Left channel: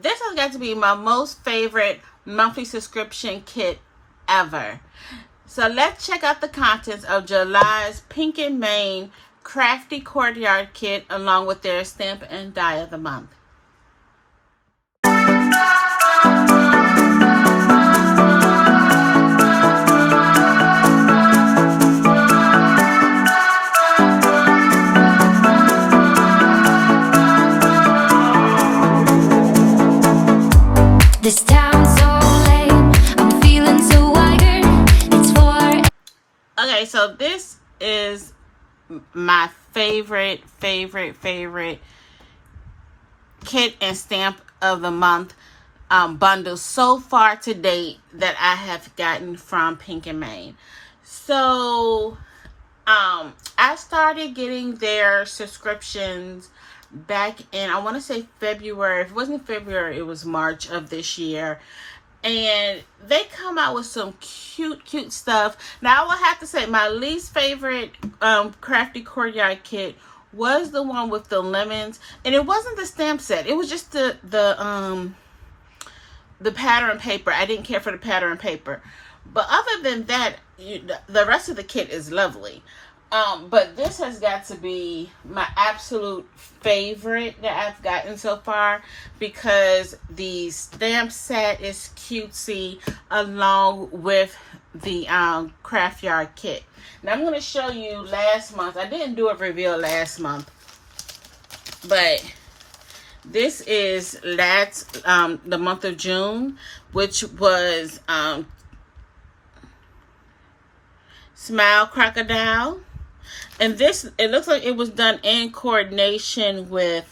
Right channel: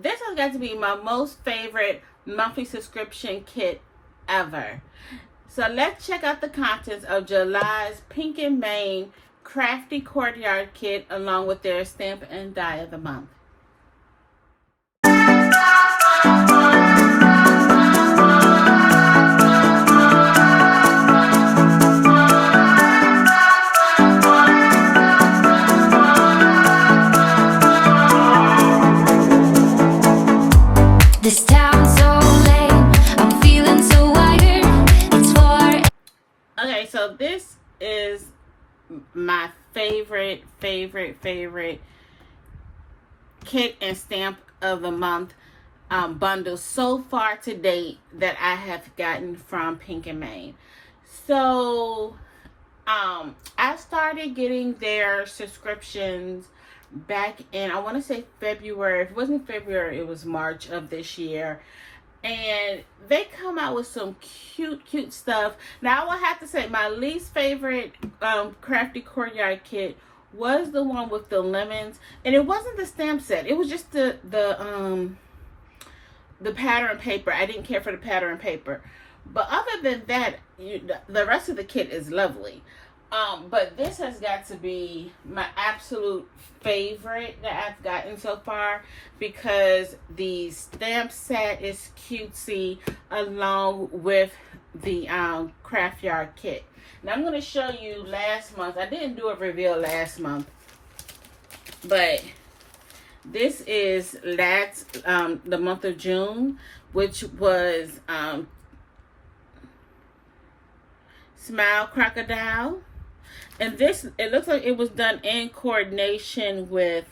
this has got to be my most favorite monthly subscription kit ever. So let's check out the contents of July's Pink and Main Crafty Courtyard kit along with their stamp and die of the month. This town's so lame, I'm feeling so wired. It's for... Okay, so this is my favorite kit and stamp of the month bundle so far to date that I have gotten from Pink and Main. So I started getting their subscriptions back in, I want to say February. If it wasn't February, it was March of this year. And they come out with some cute stuff. Now, I will have to say my least favorite Crafty Courtyard kit was the one with the lemons. And it wasn't the stamp set. It was just the pattern paper. I didn't care for the pattern paper. But other than that, the rest of the kit is lovely. But this has got to be my absolute favorite that I've gotten so far because the stamp set is cutesy along with the craft yard kit. Now I'm going to show you last month. I didn't do a reveal last month, but this is the month of June, which was Smile Crocodile. And this, it looks like it was done in coordination with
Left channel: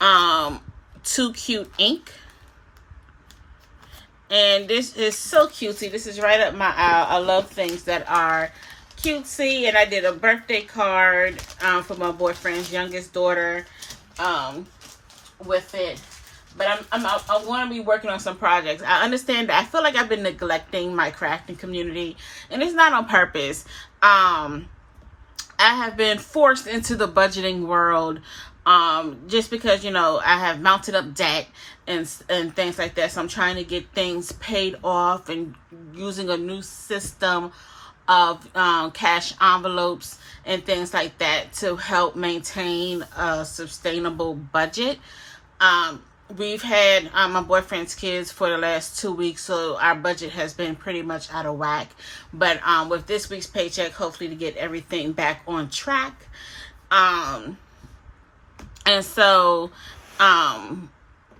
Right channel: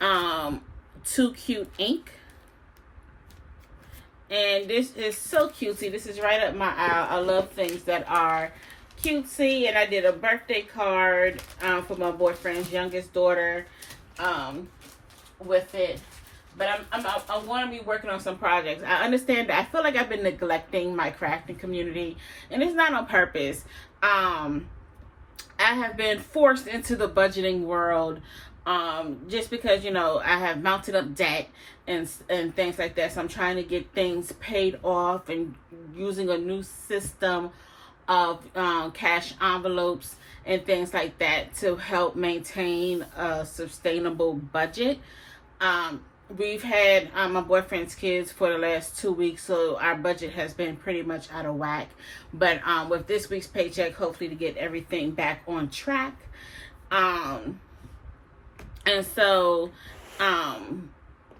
Too Cute Ink. And this is so cutesy. This is right up my alley. I love things that are cutesy. And I did a birthday card for my boyfriend's youngest daughter with it. But I'm going to be working on some projects. I understand that I feel like I've been neglecting my crafting community. And it's not on purpose. I have been forced into the budgeting world just because, you know, I have mounted up debt and things like that. So I'm trying to get things paid off and using a new system of cash envelopes and things like that to help maintain a sustainable budget. We've had my boyfriend's kids for the last 2 weeks, so our budget has been pretty much out of whack. But with this week's paycheck, hopefully to get everything back on track. And so I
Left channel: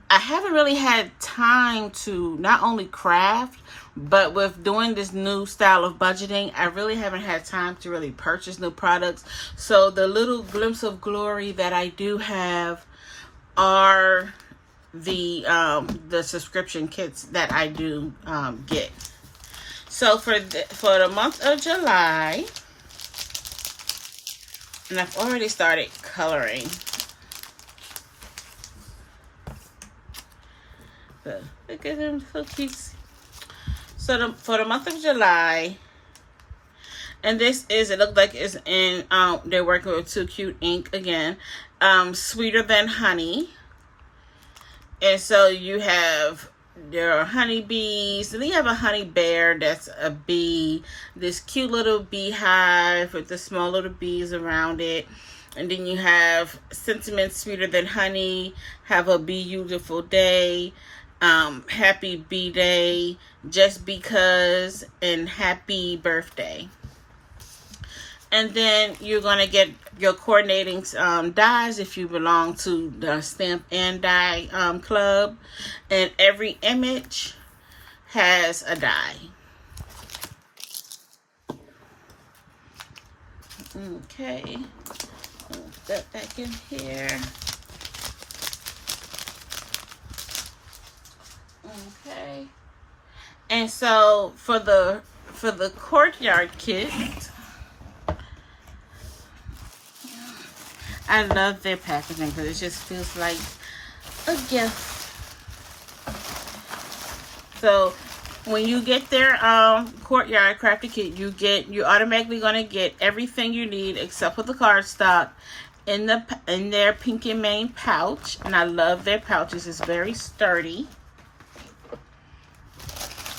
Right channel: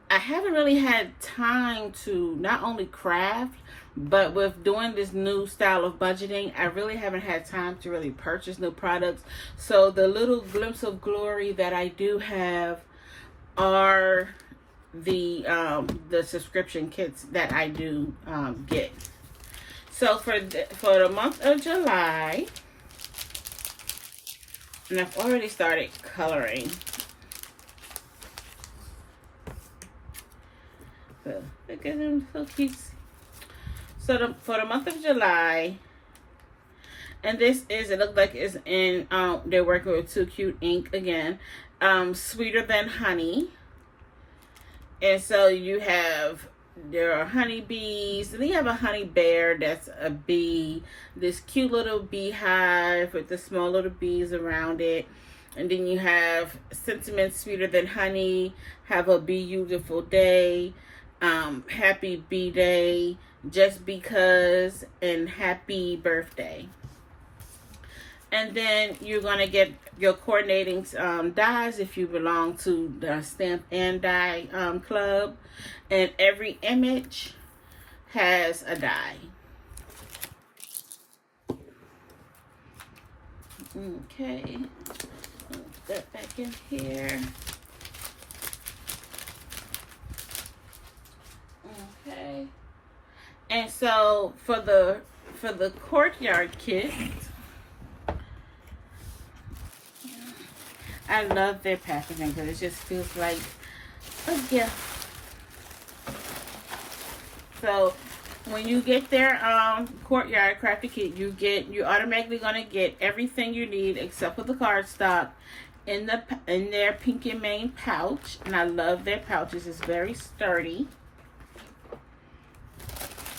haven't really had time to not only craft, but with doing this new style of budgeting, I really haven't had time to really purchase new products. So the little glimpse of glory that I do have are the subscription kits that I do get. So for the month of July, and I've already started coloring. So look at them cookies. So for the month of July, and this is, it looks like it's in they're working with Too Cute Ink again. Sweeter Than Honey. And so there are honeybees, and then you have a honey bear that's a bee, this cute little beehive with the small little bees around it. And then you have Sentiments Sweeter Than Honey, Have a Beautiful Day, Happy Bee Day, Just Because, and Happy Birthday. And then you're going to get your coordinating dies if you belong to the Stamp and Die Club. And every image has a die. Okay. Put that back in here. Okay. And so for the courtyard kit, I love their packaging because it just feels like a gift. So when you get their courtyard crafty kit, you're automatically gonna get everything you need except for the cardstock in their Pink and Mane pouch, and I love their pouches. It's very sturdy.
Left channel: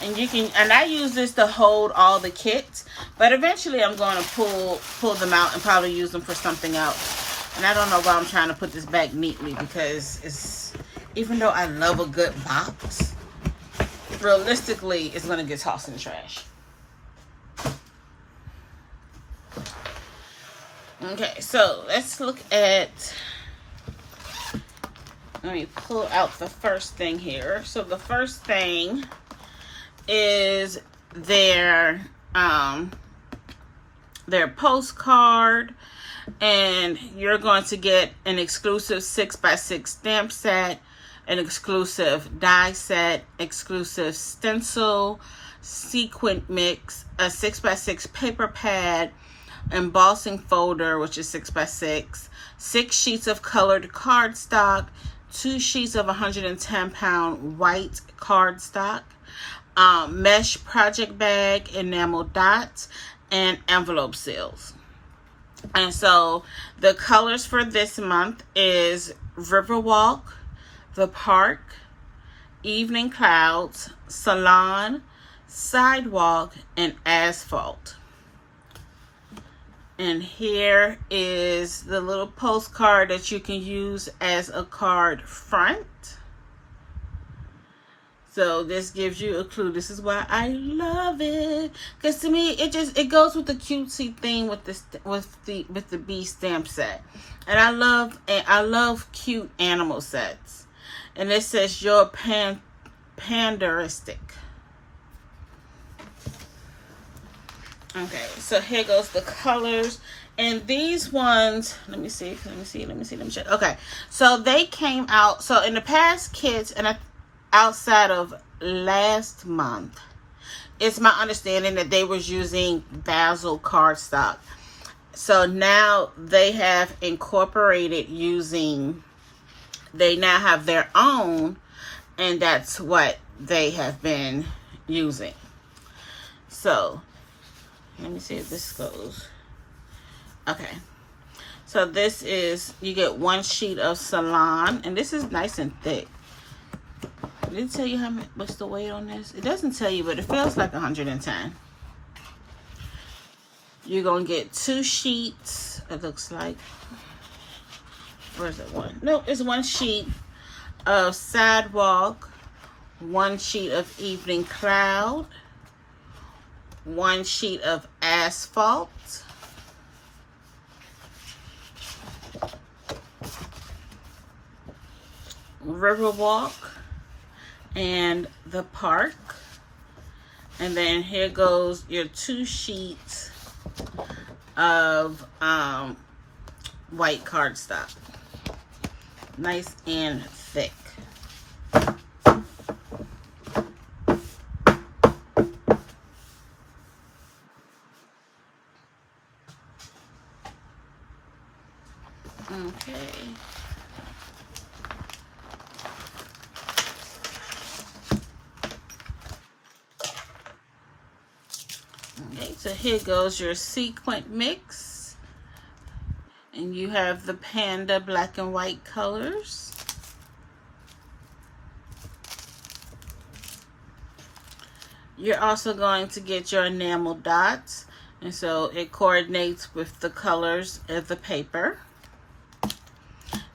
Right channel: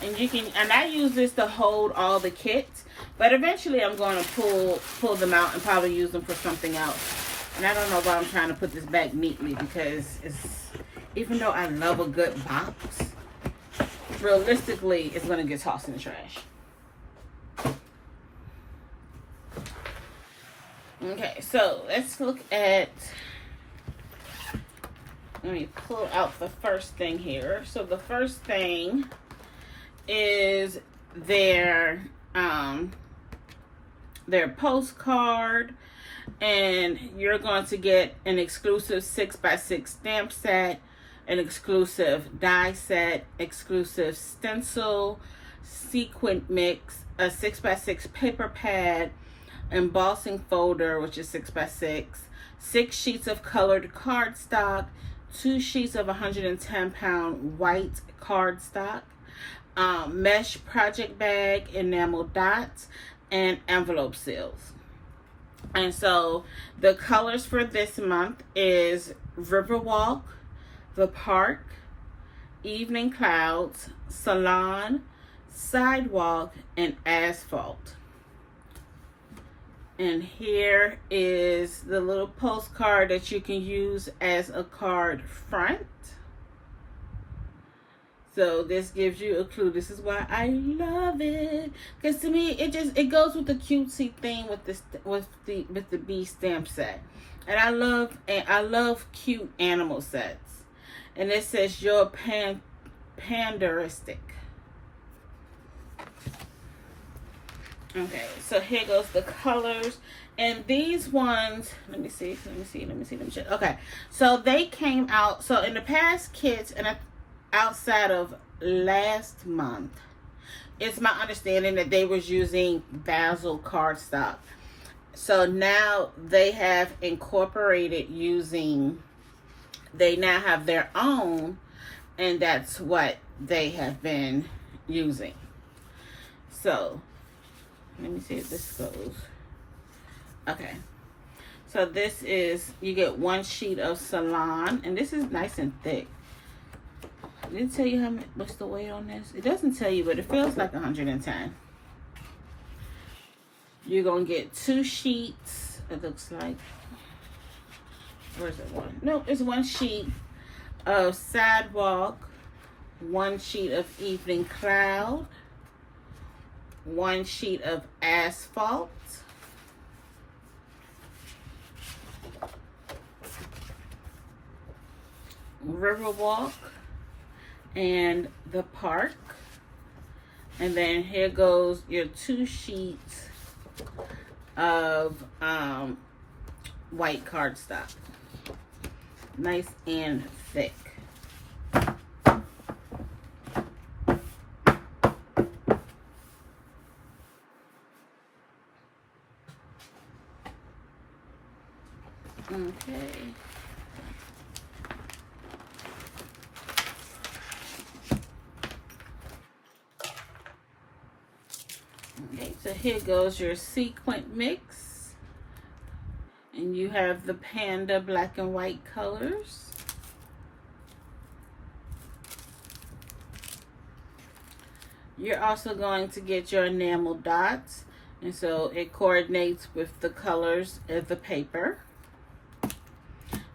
And you can, and I use this to hold all the kits, but eventually I'm going to pull them out and probably use them for something else. And I don't know why I'm trying to put this back neatly, because it's, even though I love a good box, realistically it's going to get tossed in the trash. Okay, so let's look at, let me pull out the first thing here. So the first thing is their postcard, and you're going to get an exclusive 6x6 stamp set, an exclusive die set, exclusive stencil, sequin mix, a 6x6 paper pad, embossing folder, which is 6x6, 6 sheets of colored cardstock, 2 sheets of 110-pound white cardstock, mesh project bag, enamel dots, and envelope seals. And so the colors for this month is Riverwalk, The Park, Evening Clouds, Salon, Sidewalk, and Asphalt. And here is the little postcard that you can use as a card front. So this gives you a clue. This is why I love it, because to me it goes with the cutesy thing with the bee stamp set. And I love cute animal sets. And it says your panderistic. Okay, so here goes the colors. And these ones, let me check. Okay, so they came out, so in the past kits, and outside of last month, it's my understanding that they was using Basil cardstock. So now they have incorporated they now have their own, and that's what they have been using. So let me see if this goes. Okay, so this is, you get 1 sheet of Salon, and this is nice and thick. Did it tell you what's the weight on this? It doesn't tell you, but it feels like 110. You're going to get 2 sheets, it looks like. Where's it one? No, it's 1 sheet of Sidewalk, 1 sheet of Evening Cloud, 1 sheet of Asphalt, Riverwalk, and The Park. And then here goes your 2 sheets of white cardstock. Nice and thick. Okay. Okay, so here goes your sequin mix. And you have the panda black and white colors. You're also going to get your enamel dots. And so it coordinates with the colors of the paper.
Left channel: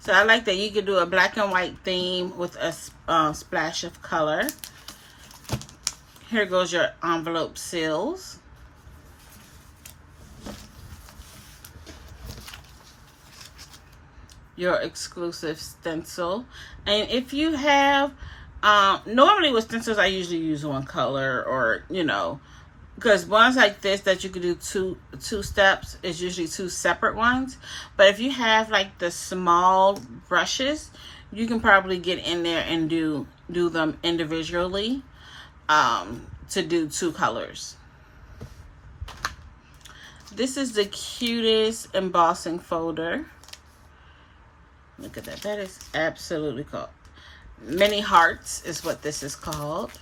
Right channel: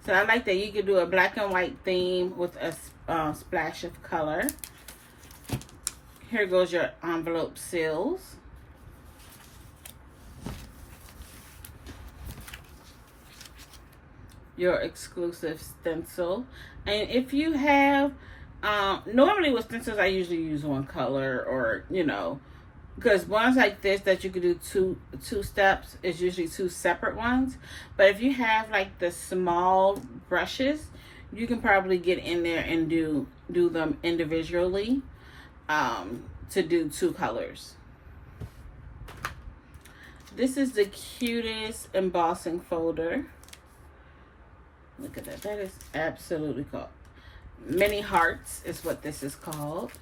So I like that you could do a black and white theme with a splash of color. Here goes your envelope seals. Your exclusive stencil. And if you have, normally with stencils I usually use one color, or because ones like this that you could do two steps is usually 2 separate ones. But if you have like the small brushes, you can probably get in there and do them individually to do 2 colors. This is the cutest embossing folder. Look at that. That is absolutely cool. Mini Hearts is what this is called.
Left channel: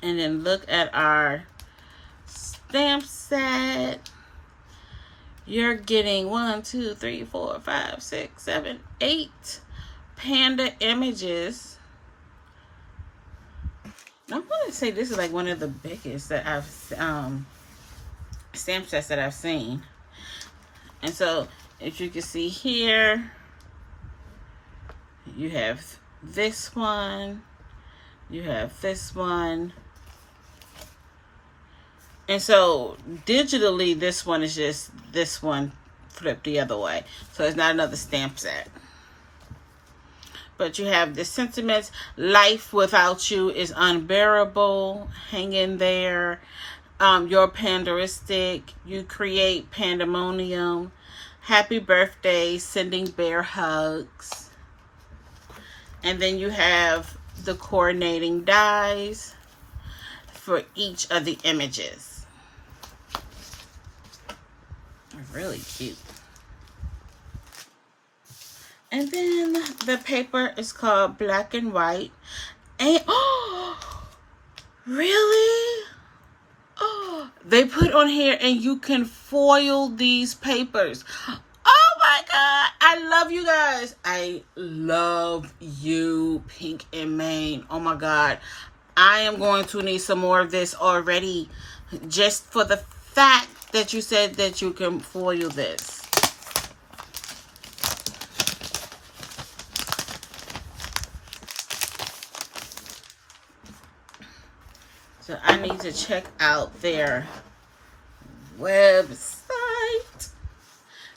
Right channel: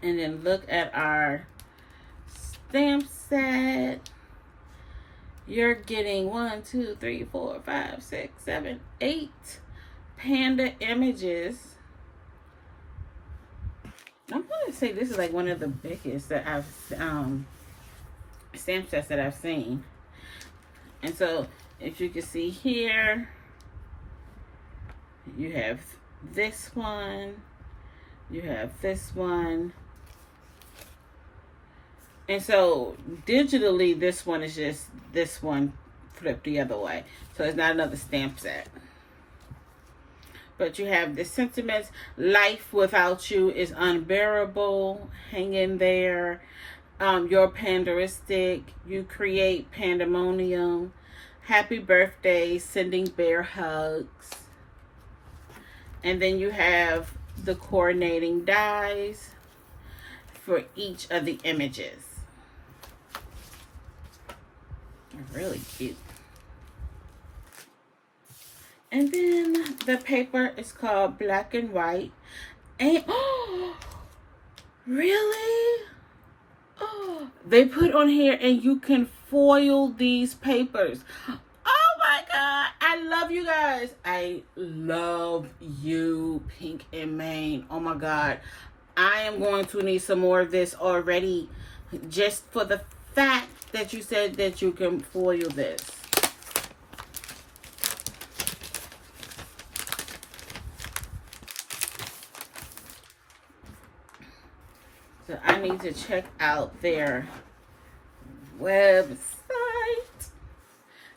And then look at our stamp set. you're getting 1, 2, 3, 4, 5, 6, 7, 8 panda images. I'm going to say this is like one of the biggest that I've stamp sets that I've seen. And so if you can see here, you have this one, you have this one, and so digitally this one is just this one flipped the other way, so it's not another stamp set. But you have the sentiments: life without you is unbearable, hang in there, you're panderistic, you create pandemonium, happy birthday, sending bear hugs. And then you have the coordinating dies for each of the images. Really cute. And then the paper is called Black and White. And oh, really? Oh, they put on here, and you can foil these papers. Oh my God, I love you guys. I love you, Pink and Main. Oh my God, I am going to need some more of this already, just for the fact that you said that you can foil this. So I need to check out their website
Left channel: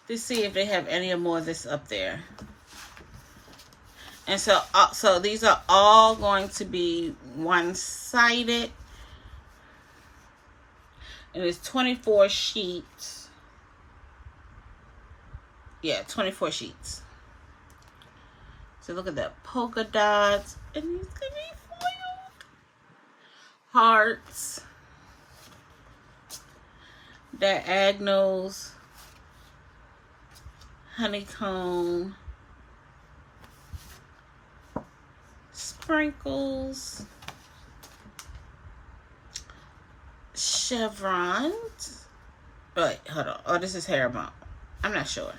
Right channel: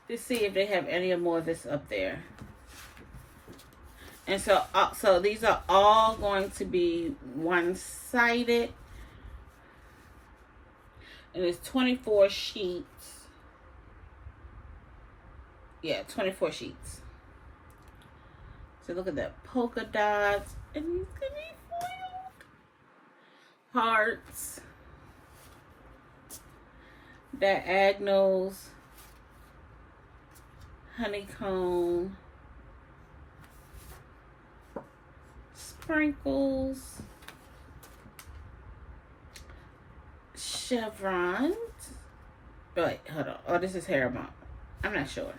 to see if they have any more of this up there. And so these are all going to be one-sided. And it's 24 sheets. Yeah, 24 sheets. So look at that, polka dots. And it's going to be foiled. Hearts. Diagonals. Honeycomb. Sprinkles. Chevrons. Wait, hold on. Oh, this is Hermont. I'm not sure.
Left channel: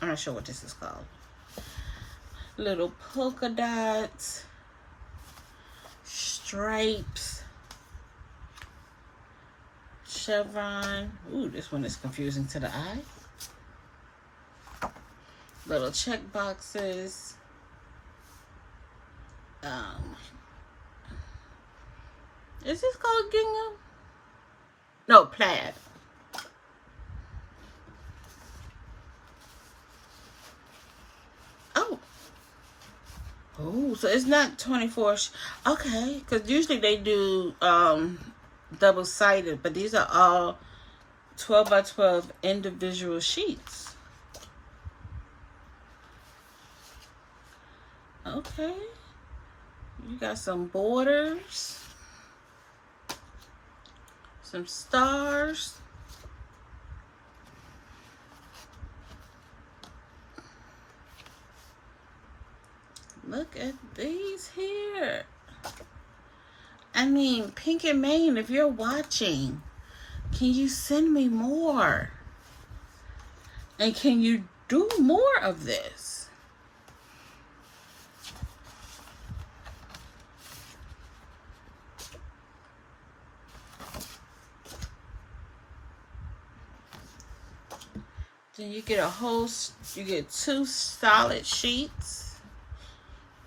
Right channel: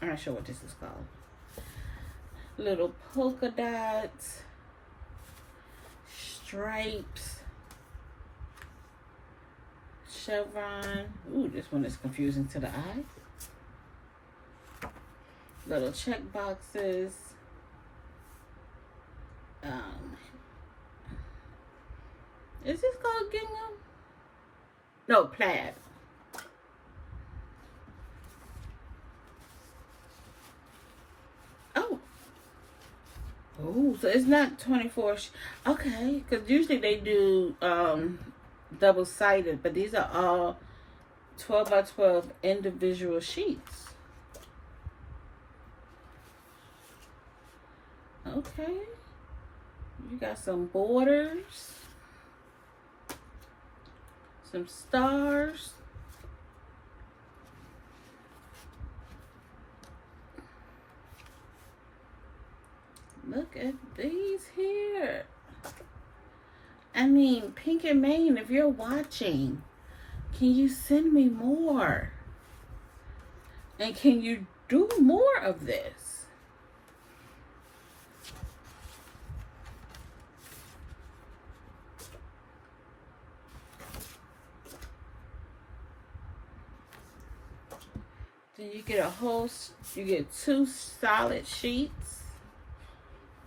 I'm not sure what this is called. Little polka dots. Stripes. Chevron. Ooh, this one is confusing to the eye. Little check boxes. Is this called gingham? No, plaid. Oh. Oh, so it's not 24. Okay, because usually they do double-sided, but these are all 12 by 12 individual sheets. Okay. You got some borders. Some stars. Look at these here. I mean, Pink and Main, if you're watching, can you send me more? And can you do more of this? Then you get you get 2 solid sheets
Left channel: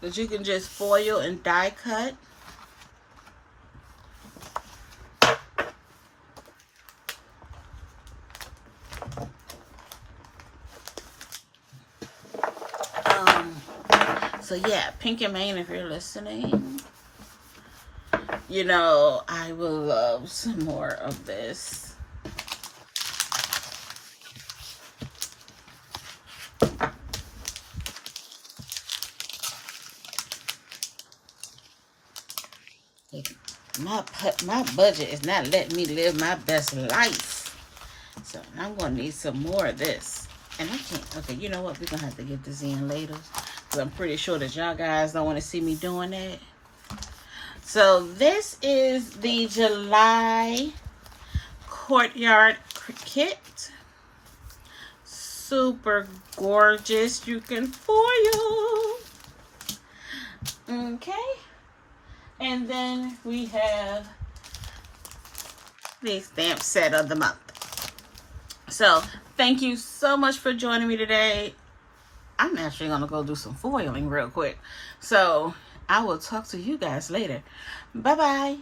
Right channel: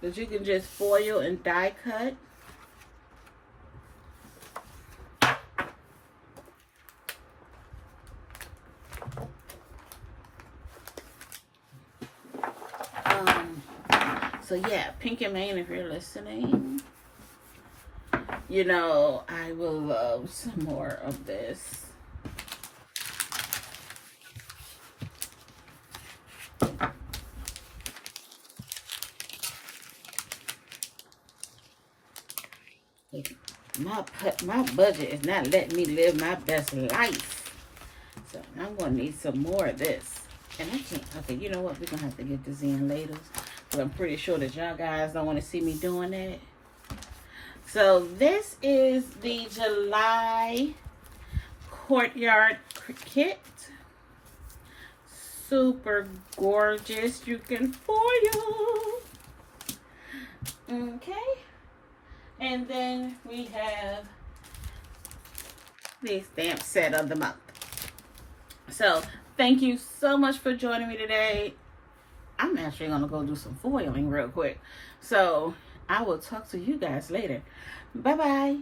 that you can just foil and die cut. So yeah, Pink and Main, if you're listening, you know, I will love some more of this. My budget is not letting me live my best life. So I'm going to need some more of this. And I can't. Okay, you know what? We're going to have to get this in later. Because I'm pretty sure that y'all guys don't want to see me doing that. So this is the July Courtyard kit. super gorgeous. You can foil. Okay. And then we have the stamp set of the month. So thank you so much for joining me today. I'm actually going to go do some foiling real quick. So I will talk to you guys later. Bye-bye.